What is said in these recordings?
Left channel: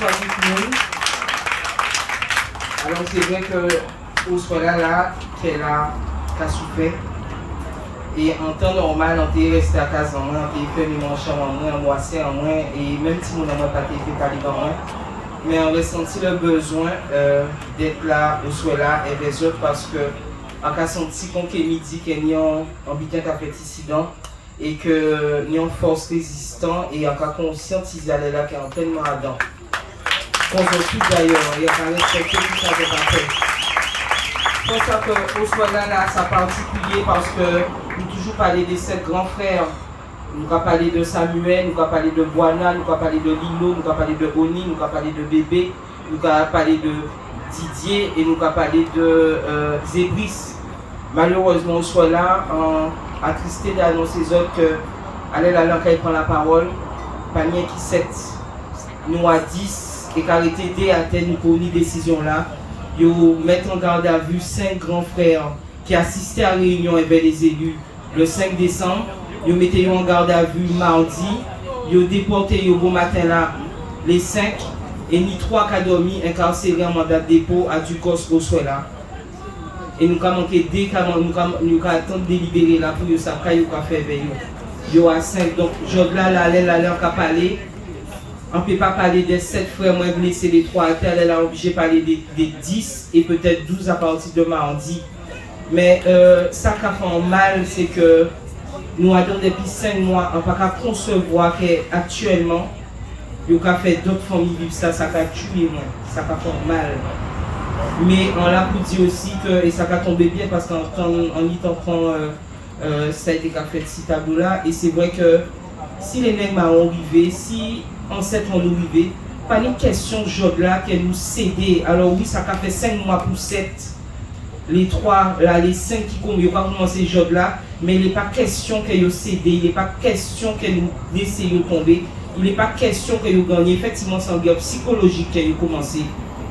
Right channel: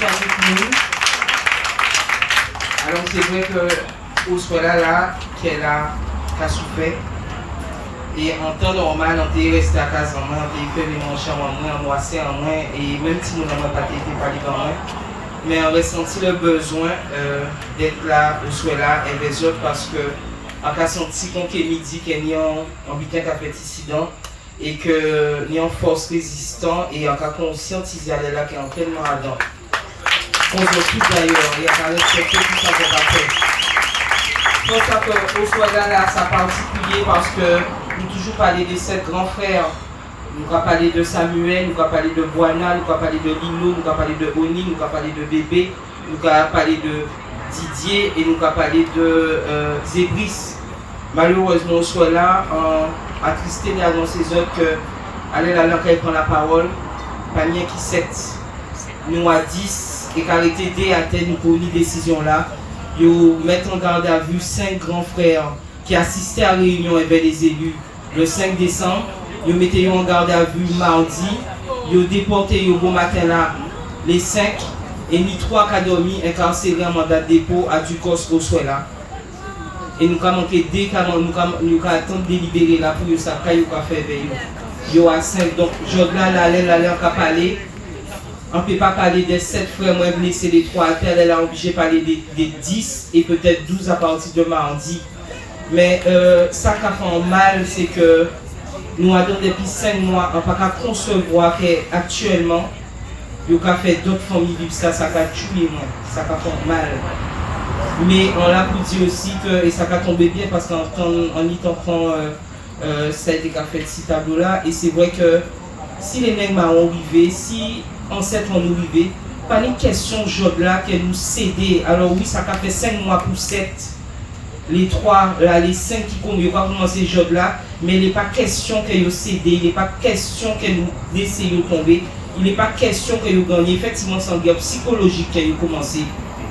soigner tout le monde. Alors c'est vrai que au soit là, qu'elle a souffert. Et en temps normal, on est resté à casa, on est fait une chambre en moins, on moissé en moins, et même si nous n'avons pas été parlé en moins, mais on ressenti le besoin d'être là, au soit là, et les autres, parce que on a senti qu'on est midi, qu'il y a un bitin qui a fait incident, et que nous avons force résistante, et on a conscientisé là qui est tellement ardent. On se tout d'ailleurs, et on a respecté tout ça de la paix. C'est pour ça qu'au soit là, ça particulier, parce que nous toujours parler de sept grands frères. Nous avons parlé de Samuel, nous avons parlé de Boana, nous avons parlé de Lilo, nous avons parlé de Oni, nous avons parlé de Bébé, nous avons parlé de Didier et nous avons parlé de Zébris. Malheureusement, on soit là, attristé d'annoncer aux autres que allez là, quand il prend la parole, pas bien qui 7, nous à 10 et qu'elle était aidé à telle pour une décision là. Ils mettent en garde à vue 5 grands frères qui assistaient à la réunion avec les élus le 5 décembre. Ils mettaient en garde à vue mardi. Ils déporté au bon matin là les 5 et ni 3 qui ont dormi incarcérés en mandat de dépôt à Ducos au soir là. Et nous avons manqué dès que nous avons attendu de libérer là pour ça qu'ils ont fait avec eux. Ils ont 5. Donc, je vais là, on va parler. On ne peut pas parler des 7 frères, moi je laisser les 3 elle a obligé de parler des 10 et peut-être 12 à partir de mardi. Mais ça qui a fait mal, c'est que nous avons depuis 5 mois, on ne peut pas concevoir qu'actuellement, il y a fait d'autres familles vivre ça, ça a tué moi, ça a fait mal. Mais on l'a pour dire aussi que, et ça a tombé bien parce qu'en y prend ça a été fait ce tableau là, et c'est vrai que si les nègres m'ont arrivé, si ancêtres ont arrivé, pas une question de là que nous céder. Alors oui, ça a fait 5 mois pour 7. Les 3, là, les 5 qui n'ont pas commencé ce job là, mais il n'est pas question que vous cédez, il n'est pas question que nous essayons de tomber, il n'est pas question que vous gagnez. Effectivement, c'est un gap psychologique que vous commencé.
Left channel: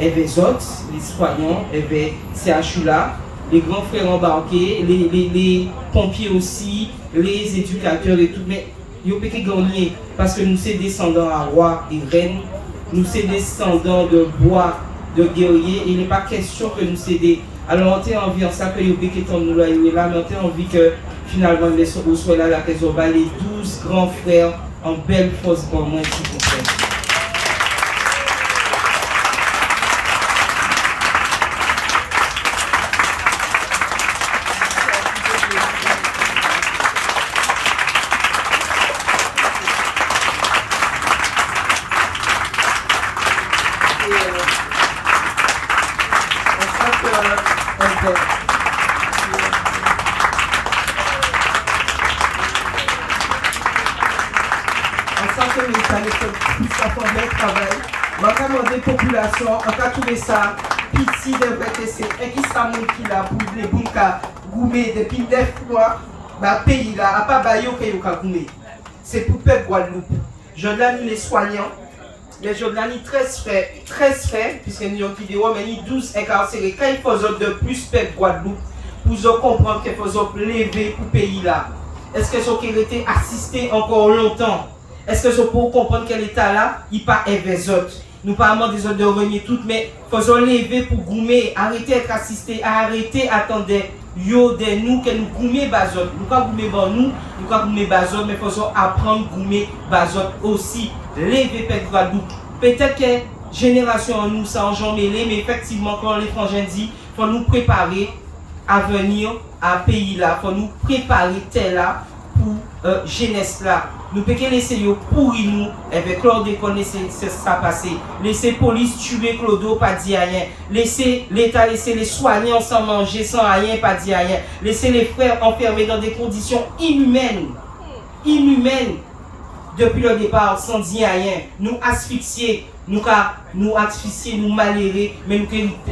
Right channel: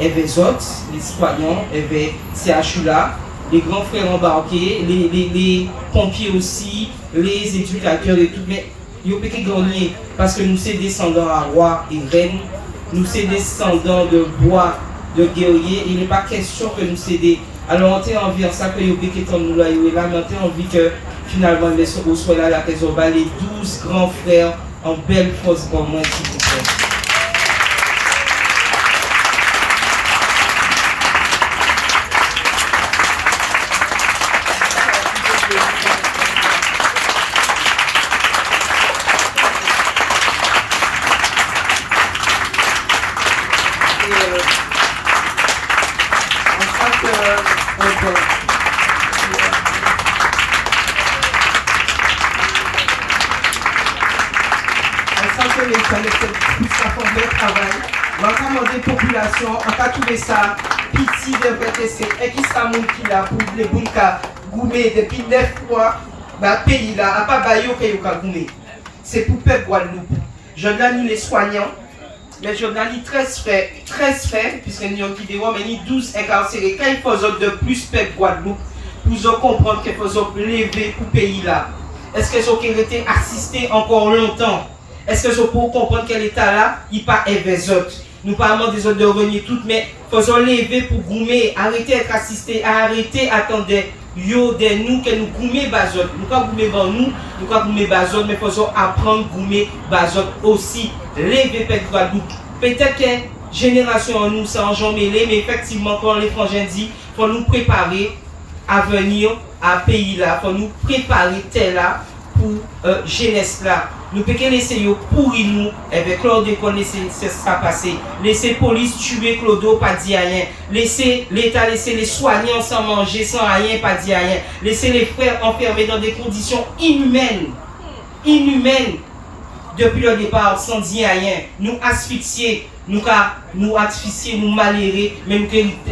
Et les autres, les soignants, et les CHU là, les grands frères embarqués, les pompiers aussi, les éducateurs et tout. Mais vous pouvez gagner parce que nous sommes descendants à roi et reine, nous sommes descendants de bois, de guerriers, il n'est pas question que nous cédions. Alors on a envie de ça que vous pouvez comme nous là, mais on a envie que finalement les soit là, les 12 grands frères en belle force pour moi, s'il vous plaît. Population, en cas trouvé ça, pitié de VTC, et qui ça mon qui là pour les boules gourmet depuis 9 mois, bah pays là, à pas bailler au pays au gourmet. C'est pour peuple Guadeloupe. Je donne les soignants, mais je donne 13 faits, puisque nous avons vidéo, mais ni 12 incarcérés. Quand il faut de plus peuple Guadeloupe, pour comprendre qu'il faut lever pour pays là. Est-ce que vous avez été assisté encore longtemps? Est-ce que vous pouvez comprendre que l'État là, il pas les autres? Nous parlons des autres de revenir toutes, mais faisons lever pour goumer, arrêter d'être assisté, arrêter d'attendre yo de nous que nous goumer bazot. Nous pas goumer ban nous pas goumer bazot, mais faisons apprendre goumer bazot aussi. Lever peuple Guadeloupe. Peut-être que génération en nous ça en jambe mêlé, mais effectivement quand les frangins dit, faut nous préparer à venir à pays là, faut nous préparer tel là pour jeunesse là. Nous pouvons laisser pourrir nous, avec Claude connaître ça passer. Laisser police tuer Claude, pas dire rien. Laisser l'État, laisser les soignants sans manger, sans rien, pas dire rien. Laisser les frères enfermés dans des conditions inhumaines. Inhumaines. Depuis le départ, sans dire rien. Nous asphyxier, nous asphyxier, nous malhérer, mais nous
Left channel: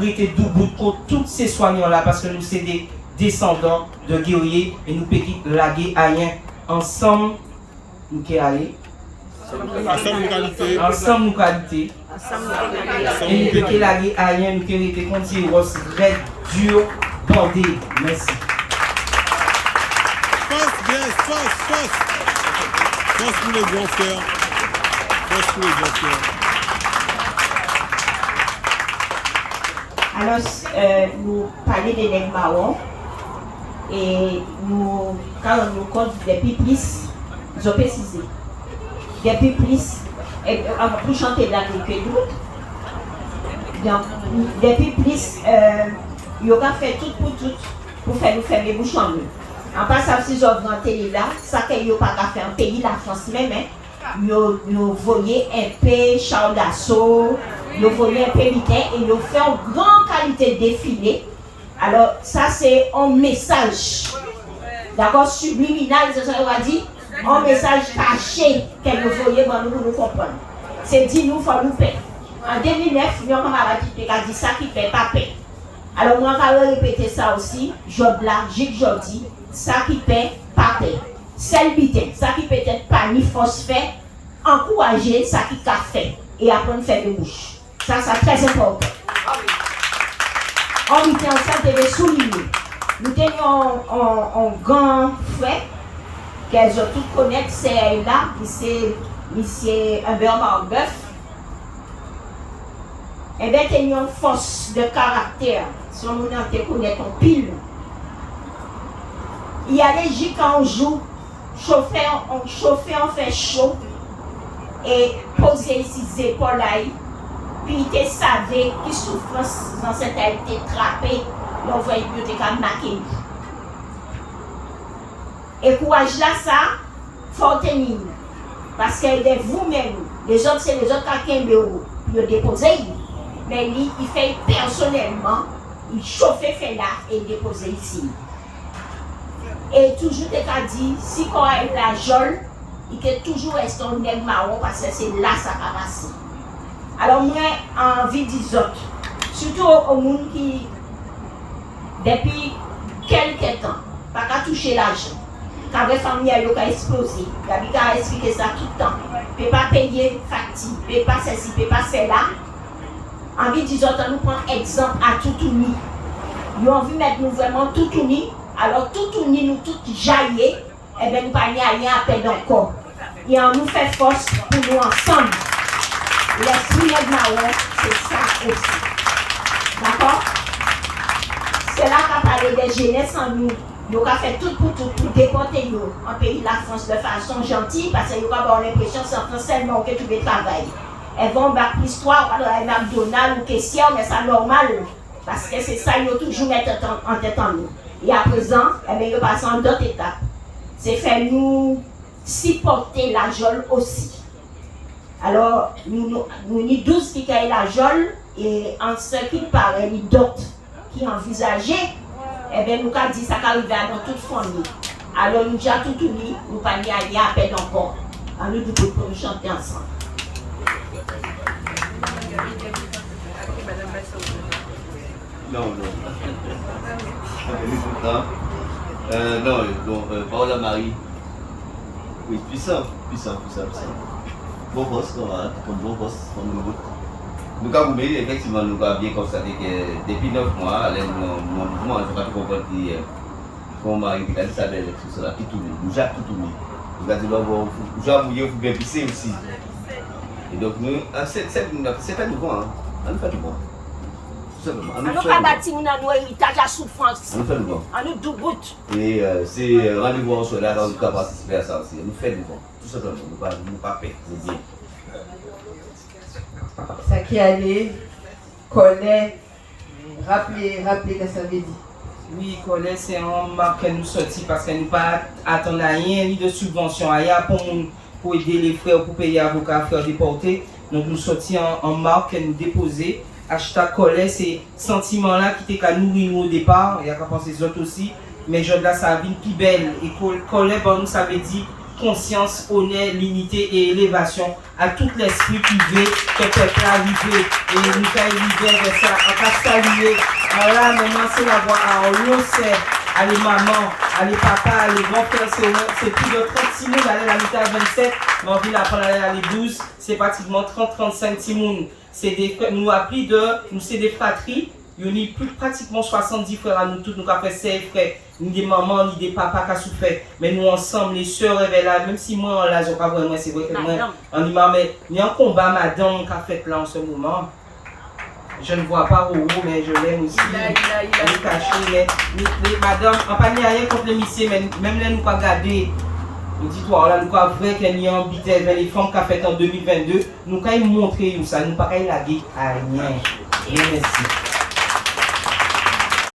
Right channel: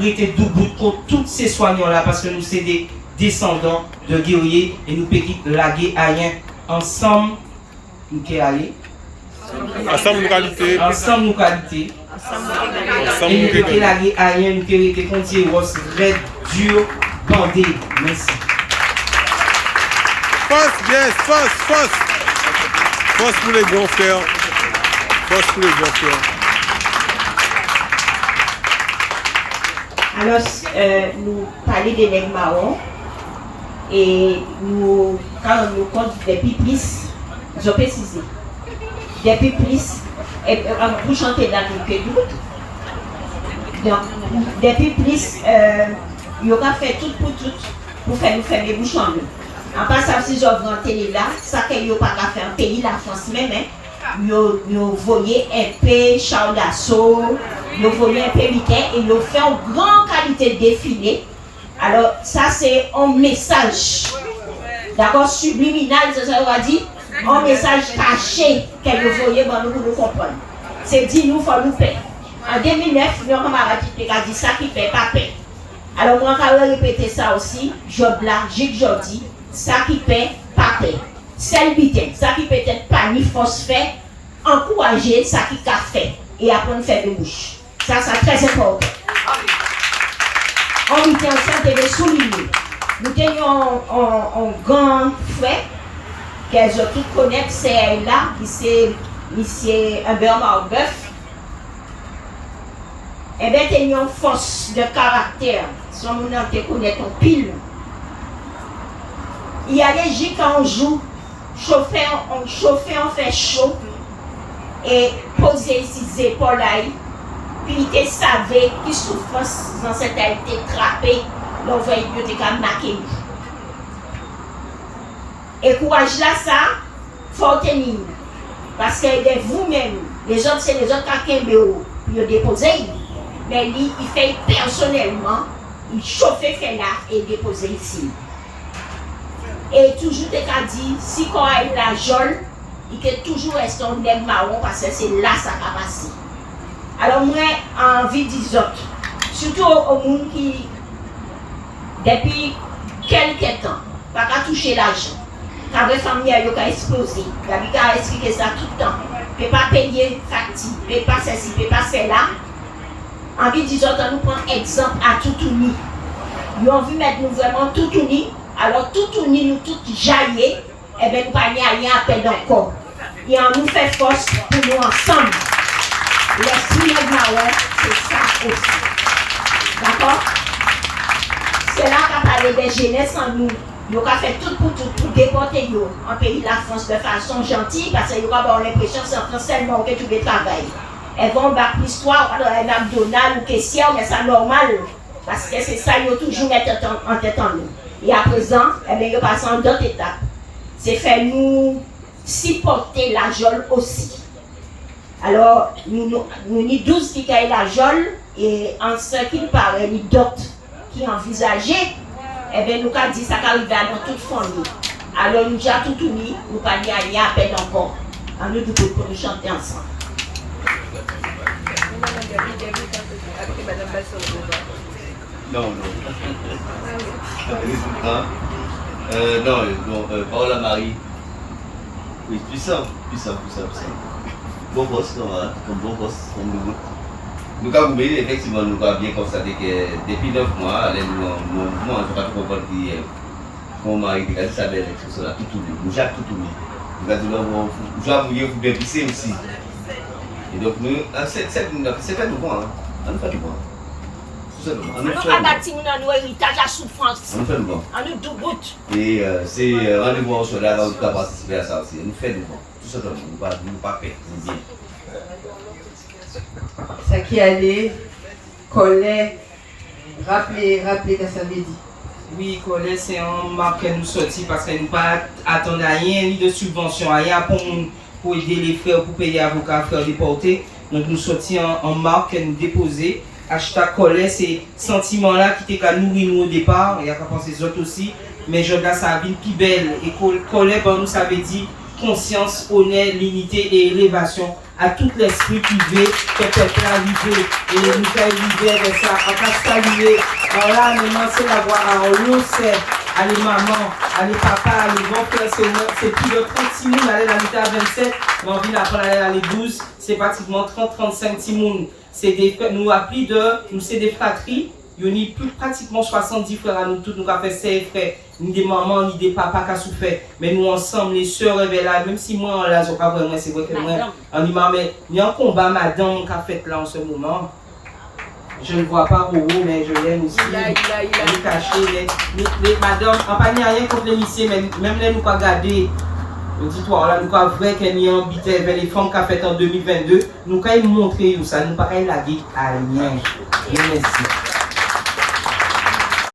rester debout contre tous ces soignants-là parce que nous sommes des descendants de guerriers et nous pouvons laguer à rien. Ensemble, nous pouvons aller. Ensemble, nous qualité. Ensemble, nous qualité. Et nous pouvons laguer à rien, nous pouvons continuer rose, red, dur, bandé. Merci. Force, yes, force. Force pour les grands frères. Force pour les grands frères. Alors, nous parlons de nègres marrons et nous, quand on nous compte des piplis, ils ont précisé. Des piplis, pour chanter la nous donc, des piplis, ils ont fait tout pour faire nous fermer bouchons. En passant, si j'ouvre en télé là, ça qu'ils n'ont pas fait en pays, la France même, nous voyons un peu Charles d'Assaut, nous voyons un peu Mickey et nous faisons une grande qualité de défilé. Alors, ça c'est un message, d'accord, subliminal, c'est ça qu'on va dire, un message caché que nous voyons dans nous comprendre. C'est dit, nous, il faut nous payer. En 2009, nous avons dit ça qui ne fait pas paix. Alors, moi, je vais répéter ça aussi, Job là, Gilles Jodi, ça qui paie, pas paix. Selbité, ça qui peut être pas ni phosphate, encourager ça qui a fait et apprendre à faire de bouche. Ça, c'est très important. On était ensemble de souligner. Nous tenions un grand frère, qu'elles ont tous connaître, c'est là, qui c'est M. Humbert Marbeuf. Eh bien, tenions une force de caractère, si on nous connaît en pile. Il y a des jours quand on joue, chauffer, on fait chaud et poser ses épaules là, puis il savait que souffrance dans cette a été trappée, l'on va être marqué. Et courage là, ça, faut tenir. Parce que vous-même, les autres, c'est les autres qui ont déposé, mais lui, il fait personnellement, il chauffe, fait là et déposer ici. Et toujours, tu as dit, si on a la jole, il peut toujours rester un nègre marron parce que c'est là ça va passer. Alors, moi, envie de dire, surtout au monde qui, depuis quelques temps, pas qu'à toucher l'argent, quand la famille a explosé, il a expliqué ça tout le temps. Il ne peut pas payer facture, il ne peut pas ceci, il ne peut pas cela. Envie de dire, nous prenons exemple à Toutouni. Ils ont envie de mettre nous vraiment Toutouni. Alors, tout uni, nous tous jaillir, et bien nous pas rien à perdre encore. Et on nous fait force pour nous ensemble. L'esprit nègre marron, c'est ça aussi. D'accord? C'est là qu'on parle des jeunesses en nous. Nous avons fait tout pour déporter nous en pays de la France de façon gentille, parce que nous avons avoir l'impression que c'est en France seulement que tu veux travailler. Elles vont battre l'histoire, on va McDonald's ou caissière, mais c'est normal. Parce que c'est ça, ils ont toujours mettre en tête en nous. Et à présent, eh bien, ils passent en d'autres étapes. C'est faire nous supporter la jole aussi. Alors, nous avons 12 qui ont la jole, et en ce qui paraît, les d'autres qui envisageaient, eh bien, nous avons dit ça qu'arrive dans toute famille. Alors, nous avons tout unis, nous n'avons pas mis à rien à peine encore. Alors, nous devons nous chanter ensemble. Non. Non, Paola Marie. Oui, puissant. Bon poste, comme bon poste, comme le vôtre. Nous avons effectivement, nous avons bien constaté que depuis 9 mois, moi, je ne sais pas trop comprendre qui est. Mon mari a dit ça, tout ça, tout tourné. Nous avons tout tourné. Nous avons dit, nous avons bien pisser aussi. Et donc, c'est pas nouveau, hein. On fait du bon. On nous pas bâti notre héritage à souffrance. On fait du bon. On nous doubout. Et c'est rendez-vous en cela, on va participer à ça aussi. On fait du bon. Tout simplement, nous ne pas perdre, nous bien. Ça qui allait, collet, rappelez que ça veut dire. Oui, collet, c'est un marque que nous sortis parce que nous pas attendre rien, ni de subvention, rien pour aider les frères, pour payer les avocats, frères déportés. Donc nous sortis en marque que nous déposer. Hashtag collet, c'est sentiment-là qui était qu'à nourrir nous au départ, il y a qu'à penser les autres aussi, mais je là ça a une plus belle. Et collet, bon, nous ça veut dire conscience, honneur, l'unité et élévation à tout l'esprit qui veut que peuple arrive et nous fait arriver avec ça, à qu'à saluer. Voilà, maintenant c'est la voix à nous, c'est à les mamans, à les papas, à les grands frères, c'est plus de 36 000, aller à l'unité à 27, mais on vient d'apprendre à aller à les 12, c'est pratiquement 30-35 timoun. C'est des nous appris nous c'est des fratries, il y a plus pratiquement 70 frères à nous tous, nous avons fait 6 frères, ni des mamans, ni des papas qui ont souffert, mais nous ensemble, les sœurs là, même si moi là, je pas vraiment, c'est vrai que moi, on dit, mais il y a un combat madame qui a fait là en ce moment. Je ne vois pas Roro, mais je l'aime aussi. Elle est cachée, mais madame, on pas rien contre les messieurs, mais même là, nous pas garder. Auditoire, là, nous pas vrai qu'elle y a habité vers les femmes qu'a fait en 2022. Nous pas montrer ça, nous pas la dire à rien. Et merci.